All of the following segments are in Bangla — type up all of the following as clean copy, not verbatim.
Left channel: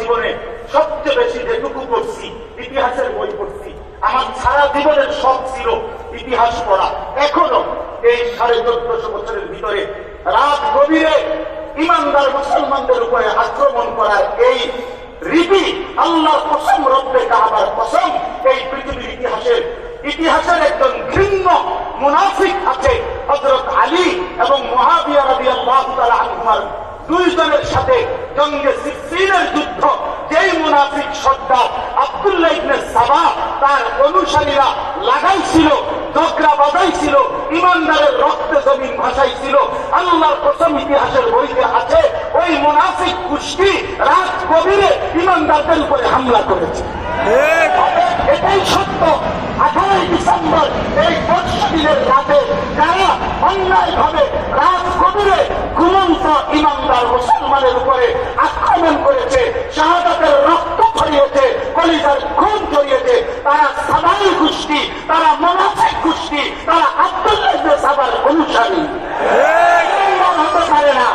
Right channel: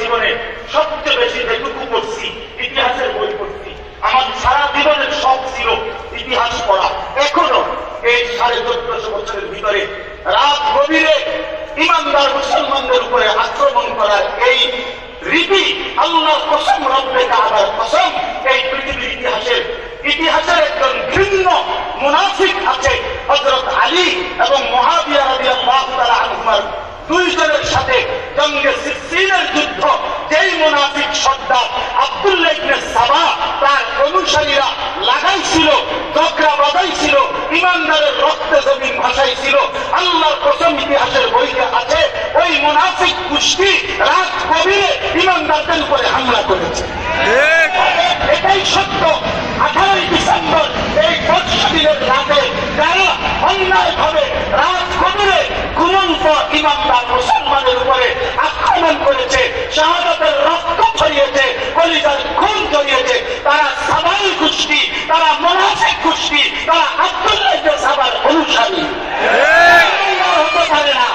জীবনে সবচেয়ে বেশি যেটুকু পড়ছি ইতিহাসের বই পড়ছি। আমার সারা জীবনের শখ ছিল ইতিহাস পড়া। এখনো এই 1450 বছরের ভিতরে রাত গভীরে ইমানদার মুসলমানদের উপরে আক্রমণ করার এই রীতি, আল্লাহর কসম, রব্বে কাবার কসম, এই পৃথিবীর ইতিহাসের একজন ঘৃণ্য মুনাফিক আছে হযরত আলী এবং মুআবিয়া রাদিয়াল্লাহু তাআলা আনহুমার দুইজনের সাথে জঙ্গে সিফফিনের যুদ্ধ। যেই মুনাফিক সর্দার আব্দুল্লাহ ইবনে সাবা তার অনুসারীরা লাগাইছিল, ঝগড়া বাজাইছিল, ইমানদারের রক্তে জমিন ভাসাইছিল, আল্লাহর কসম ইতিহাসের বইতে আছে ওই মুনাফিক গোষ্ঠী রাত গভীরে ইমানদারদের উপরে হামলা করেছে। এটাই সত্য। 18 ডিসেম্বর এই 5 দিনের রাতে যারা অন্যায়ভাবে রাত গভীরে ঘুমন্ত ইমানদার মুসলমানের উপরে আক্রমণ করেছে, শাহাদাতের রক্ত ছড়িয়েছে, কলিজার খুন ছড়িয়েছে, তারা সাবাই গোষ্ঠী, তারা মুনাফিক গোষ্ঠী, তারা আব্দুল্লাহ ইবনে সাবার অনুসারী। হতে পারে না,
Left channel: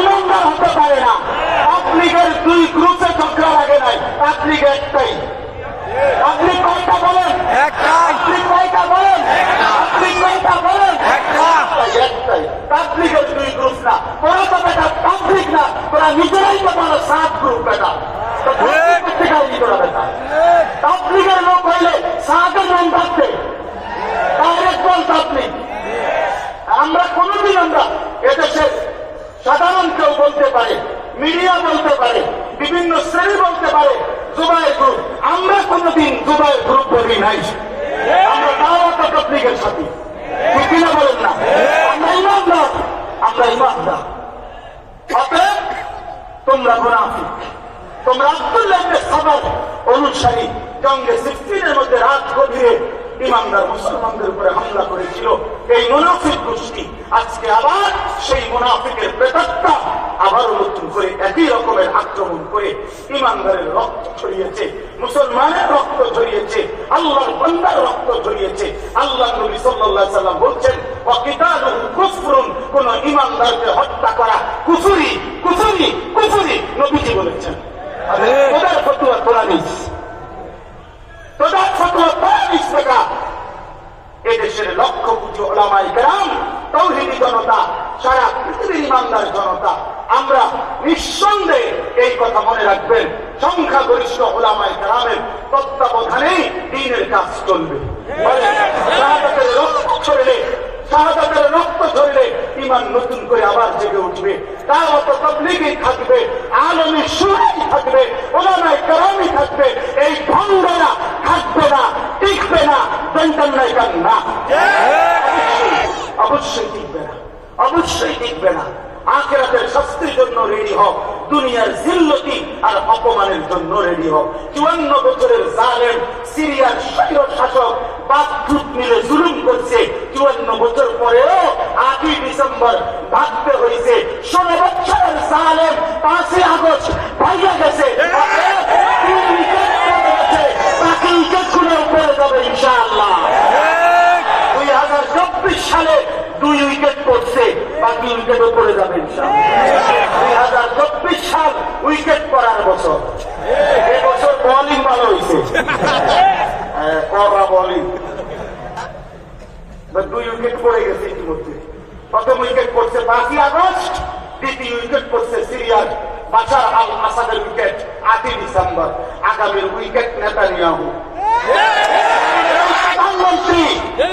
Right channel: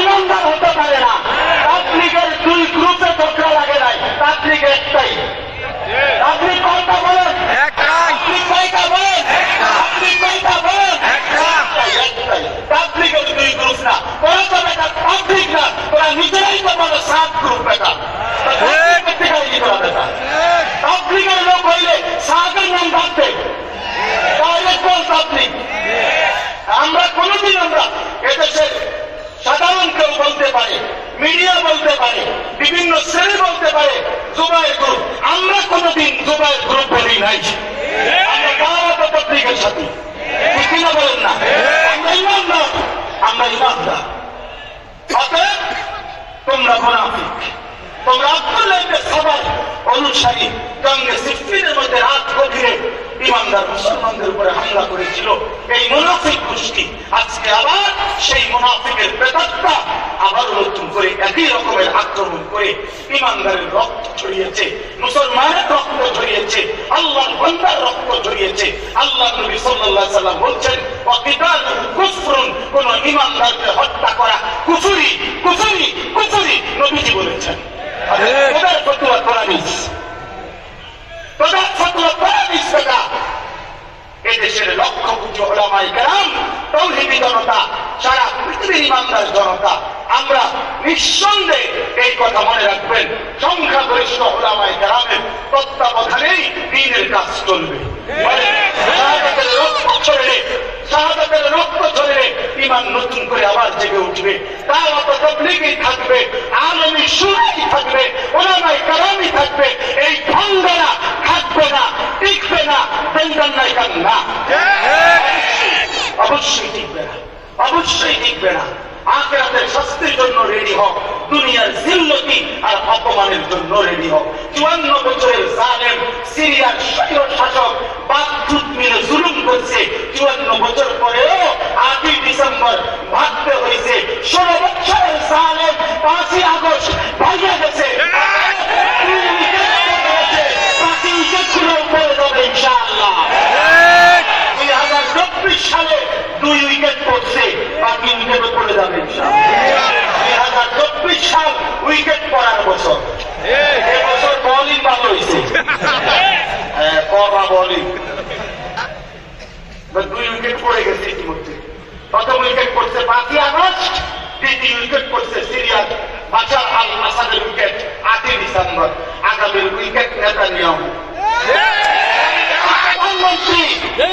ইমানদার হতে পারে না। তাবলীগের 2 গ্রুপে ঝগড়া লাগে নাই, তাবলীগ একটাই। আপনি কয়টা বলেন? একটাই। আপনি কয়টা বলেন? আপনি কয়টা বলেন? একটাই। তাবলীগের 2 গ্রুপ না, তোরা তো বেটা তাবলীগ না, তোরা নিজেরাই তো বলো 7 গ্রুপ বেটা। তাবলীগের লোক হইলে 7-এর নাম ভাবতে একদম তাবলীগ। আমরা কোনদিন আমরা এদেশের সাধারণ কেউ বলতে পারে, মিডিয়া বলতে পারে, বিভিন্ন শ্রেণী বলতে পারে জুবায়ের গ্রুপ, আমরা কোনদিন জুবায়ের গ্রুপ বলি নাই। আমরা দাওয়াত তাবলীগের সাথে কিনা বলেন না, আমরা ইমানদার, আমরা ইমানদার। অতএব তোমরা মুনাফিক, তোমরা আব্দুল্লাহ ইবনে সাবার অনুসারী। জঙ্গে সিফফিনের মধ্যে রাত গভীরে ইমানদার মুসলমানদের উপরে হামলা করেছিল এই মুনাফিক গোষ্ঠী। আজকে আবার সেই মুনাফিকের প্রেতাত্মা আবারও নতুন করে একই রকমের আক্রমণ করে ইমানদারের রক্ত ছড়িয়েছে, মুসলমানের রক্ত ছড়িয়েছে, আল্লাহর বান্দার রক্ত ছড়িয়েছে। আল্লাহ নবী সাল্লাল্লাহু আলাইহি ওয়াসাল্লাম বলছেন ওয়াকিতালুহু কুফরুন, কোন ইমানদারকে হত্যা করা কুফরি, কুফরি, কুফরি, নবীজি বলেছেন। তোদের ফতোয়া কোরআনিস, তোদের ফতোয়া কোরআনিস বেটা। এদেশের লক্ষ কোটি উলামায়ে কেরাম, তাওহীদি জনতা, সারা পৃথিবীর ইমানদার জনতা, আমরা নিঃসন্দেহে এই কথা মনে রাখবেন, সংখ্যাগরিষ্ঠ উলামায়ে কেরামের তত্ত্বাবধানেই দ্বীনের কাজ চলবে। শাহাদাতের রক্ত ছড়িয়ে, শাহাদাতের রক্ত ছড়িয়ে ইমান নতুন করে আবার জেগে উঠবে। দাওয়াত তাবলীগই থাকবে, আলেমী শুরাই থাকবে, উলামায়ে কেরামই থাকবে। এই ভাঙ্গারা থাকবে না, টিকবে না, বেঞ্জান নাই কান না, অবশ্যই টিকবে না, অবশ্যই টিকবে না। আখিরাতের শাস্তির জন্য রেডি হোক, দুনিয়ার জিল্লতি আর অপমানের জন্য রেডি হোক। 54 বছরের জালেম সিরিয়ার স্বৈর শাসক বাগদুদ মিলে জুলুম করছে। 54 বছর পরেও 8 ডিসেম্বর ভাবতে হয়েছে। 16 বছরের জালেম 5 আগস্ট ভাইয়া গেছে, বাকি উইকেটগুলো উপরে যাবে ইনশাআল্লাহ। 2024 সালে 2 উইকেট পড়ছে, বাকি উইকেট উপরে যাবে ইনশাআল্লাহ। 2024 সাল উইকেট পড়ার বছর। এবছর বোলিং ভালো হয়েছে, কড়া বোলিং। 2 উইকেট পড়ে গেছে ইতিমধ্যে। প্রথম উইকেট পড়ছে 5 আগস্ট, দ্বিতীয় উইকেট পড়ছে সিরিয়ার বাশার আল আসাদের উইকেট 8 ডিসেম্বর। আগামীর উইকেট নেতানিয়াহু, প্রধানমন্ত্রী,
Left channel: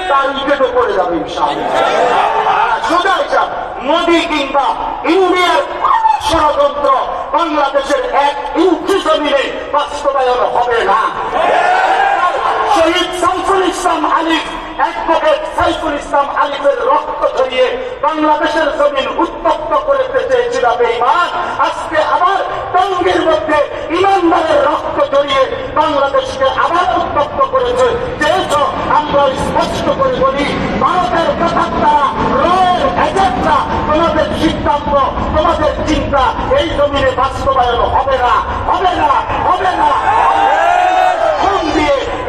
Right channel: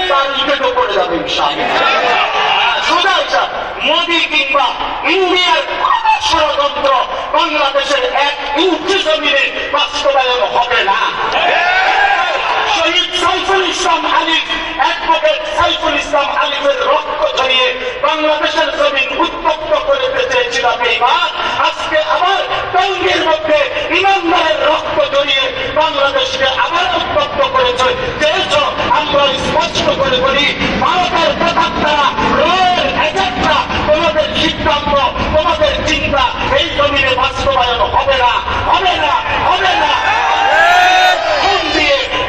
তার উইকেট উপরে যাবে ইনশাআল্লাহ। সোজা মোদী কিংবা ইন্ডিয়ার ষড়যন্ত্র বাংলাদেশের 1 ইঞ্চি জমিনে বাস্তবায়ন হবে না। শহীদ সাইফুল ইসলাম আলিফ, অ্যাডভোকেট সাইফুল ইসলাম আলিফের রক্ত ঝরিয়ে বাংলাদেশের জমিন উত্তপ্ত করে চেয়েছিল বেঈমান। আজকে আবার টঙ্গীর মধ্যে ইমানদারের রক্ত ঝরিয়ে বাংলাদেশকে আবার উত্তপ্ত করেছে। যেহেতু আমরা স্পষ্ট করে বলি, ভারতের প্রধানরা, রয়ের এজেন্টরা, তোমাদের সিদ্ধান্ত, তোমাদের চিন্তা এই জমিনে বাস্তবায়ন হবে না, হবে না, হবে না।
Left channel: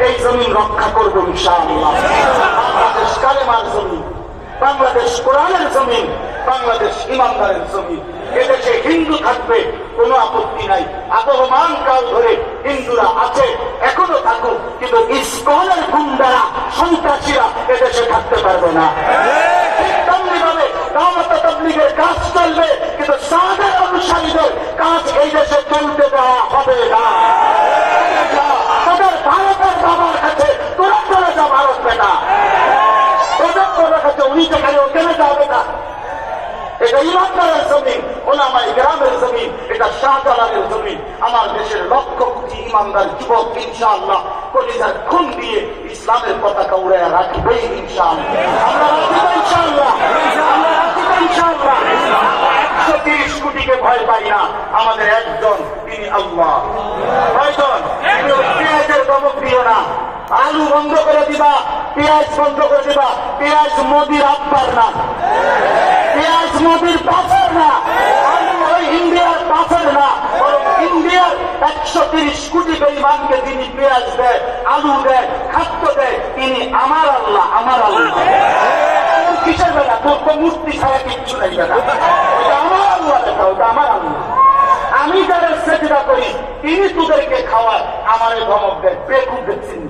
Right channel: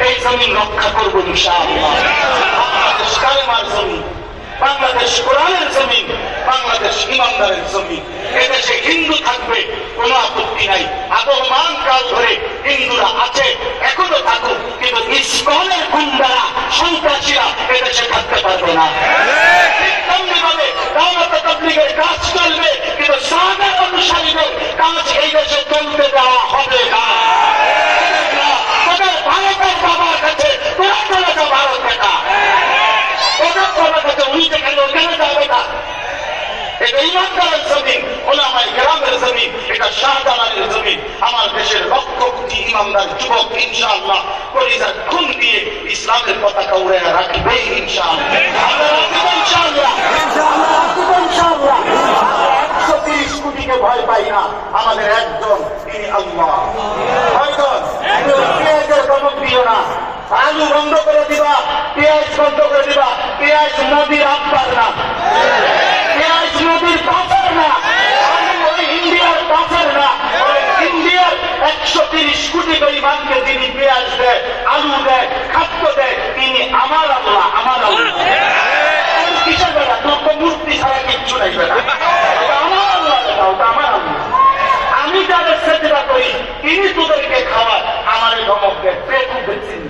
এই জমিন রক্ষা করবো ইনশাআল্লাহ। বাংলাদেশ কালেমার জমিন, বাংলাদেশ কোরআনের জমিন, বাংলাদেশ ইমানদারের জমিন। এদেশে হিন্দু থাকবে, কোনো আপত্তি নাই। আবহমান কাল ধরে হিন্দুরা আছে, এখনো থাকুক, কিন্তু ইসকনের গুন্ডারা, সন্ত্রাসীরা এদেশে থাকতে পারবে না। তেমনিভাবে দাওয়াত তাবলীগের কাজ চলবে, কিন্তু সাহাবার অনুসারীদের কাজ এই দেশে চলতে দেওয়া হবে না। তবে ভারতের বাবার কাছে তোরা চলে যা, ভারত বেটা ওদের বাবার কাছে, উনি যেখানে ওখানে যাবে না। এটা ইমানদারের জমিন, ওলামায়ে কেরামের জমিন, এটা শাহজালালের জমিন। আমার দেশের লক্ষ কোটি ইমানদার যুবক ইনশাআল্লাহ কলিজার খুন দিয়ে ইসলামের পতাকা উড়ে রাখবে ইনশাআল্লাহ। আমরা রাখবো ইনশাআল্লাহ, ইনশাআল্লাহ। 130 কোটিকে ভয় পাই না, আমাদের একজন, তিনি আল্লাহ। কয়জন? পেঁয়াজের দমক দিও না, আলু বন্ধ করে দিবা, পেঁয়াজ বন্ধ করে দিবা। পেঁয়াজ মোদির আব্বার না, পেঁয়াজ মোদির পাশের না, ওই ইন্ডিয়ার পাশের না, ওই ইন্ডিয়ার 130 কোটি বেঈমানকে যিনি পেঁয়াজ দেয়, আলু দেয়, খাদ্য দেয়, তিনি আমার আল্লাহ, আমার আল্লাহ। কিসের বেড়া? তোর তো মূর্তি ছাড়া কিচ্ছু নাই বেড়া, আমার আল্লাহ, ওটা আমার আল্লাহ। আমি যাদের সেজদা করি, তিনি তোদেরকে খাওয়ার, আমারে ধমক দেয়, পেট উঠেছেন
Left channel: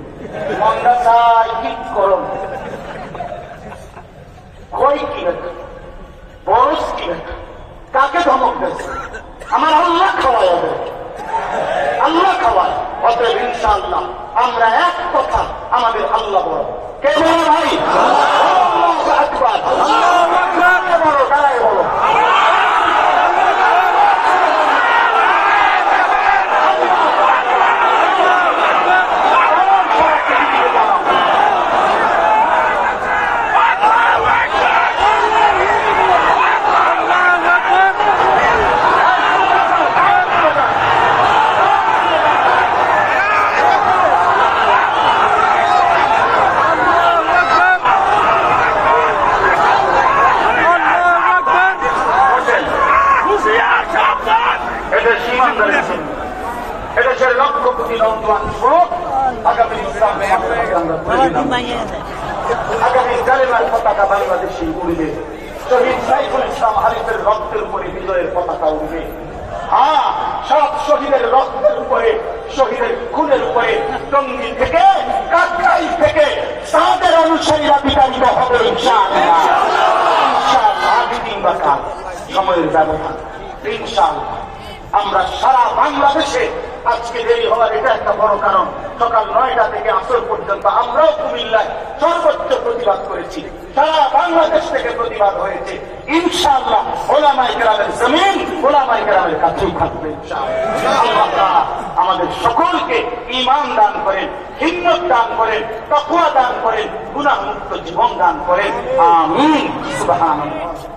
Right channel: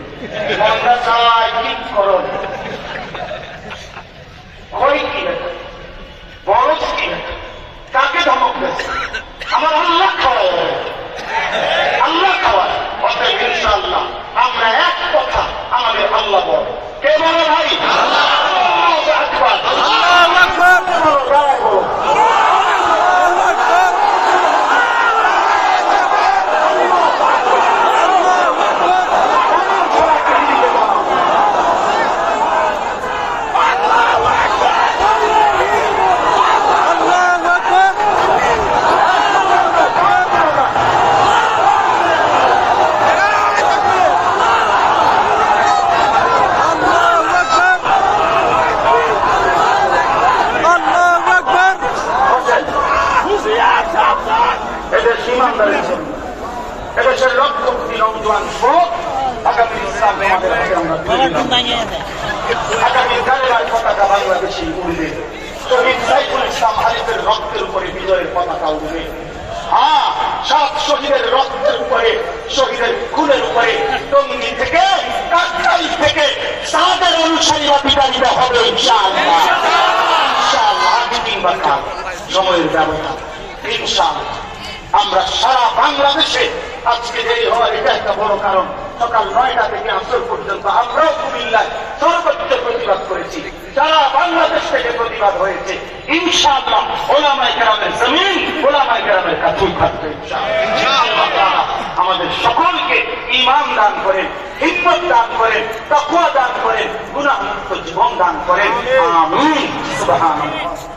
মন্দা চাই কি করুন, কই কি বরস কি, কাকে ধমক দিয়েছে? আমার আল্লাহ খাওয়াই হবে, আল্লাহ খাওয়ায়। অতএব ইনশাআল্লাহ আমরা এক কথা, আমাদের আল্লাহ বল। কে বলে ভাই? আল্লাহু আকবার, আল্লাহু আকবার। বলো, দাঁড়ায় বলো। এদেশের লক্ষ কোটি নৌজওয়ান যুবক আগামী আগামী জালের পতাকা বাংলাদেশে উড়বে। শহীদ সাইফুল ইসলাম হালিফের রক্তের উপরে বিজয়ের পতাকা উড়বে। হ্যাঁ, সব শহীদের রক্তের উপরে, শহীদের খুনের উপরে, টঙ্গী থেকে, কাকরাই থেকে তাদের অনুসারীরা বিতাড়িত হবে ইনশাআল্লাহ। ইনশাআল্লাহ আগে কিংবা কাল, সময়ের ব্যবধান ইনশাআল্লাহ। আমরা সারা বাংলাদেশে, আজকে দেরি হওয়ার এটা একটা বড় কারণ, সকাল 9টা থেকে আসর পর্যন্ত আমরাও কুমিল্লায় সর্বোচ্চ প্রতিবাদ করেছি। সারা বাংলাদেশ থেকে প্রতিবাদ হয়েছে ইনশাআল্লাহ। ওলামায়ে কেরামের জমিন, ওলামায়ে কেরামের কাছেই থাকবে ইনশাআল্লাহ। আমাদের সকলকে ঈমান দান করেন, হিম্মত দান করেন, তাকওয়া দান করেন, গুনাহমুক্ত জীবন দান করেন। আমিন। সুবহানাল্লাহ।